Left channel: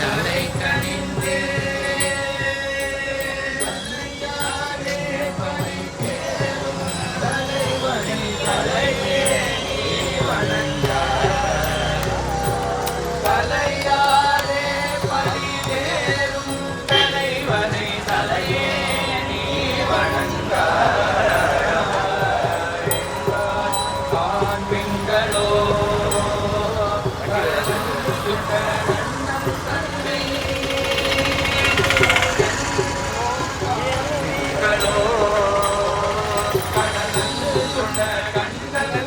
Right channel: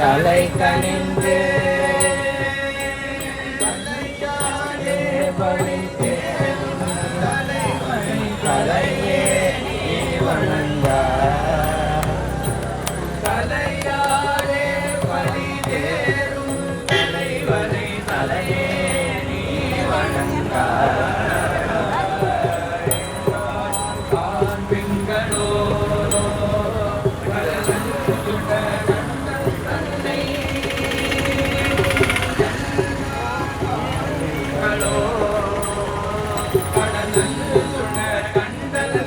I like Kalei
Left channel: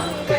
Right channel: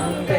감사합니다.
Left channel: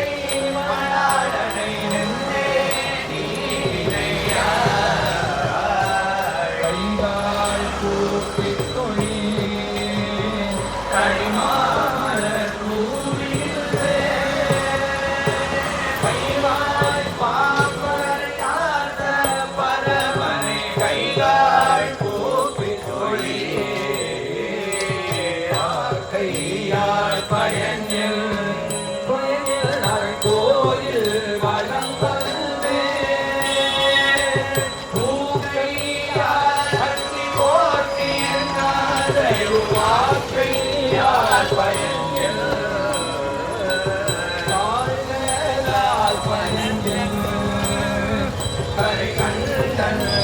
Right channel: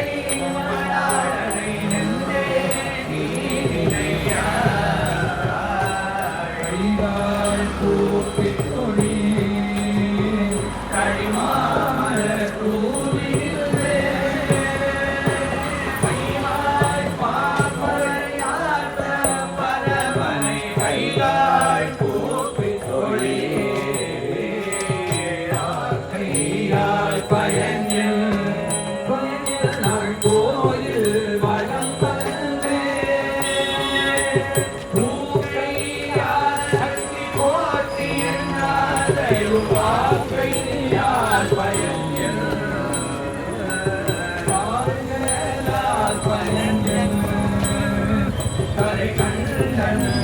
Amen.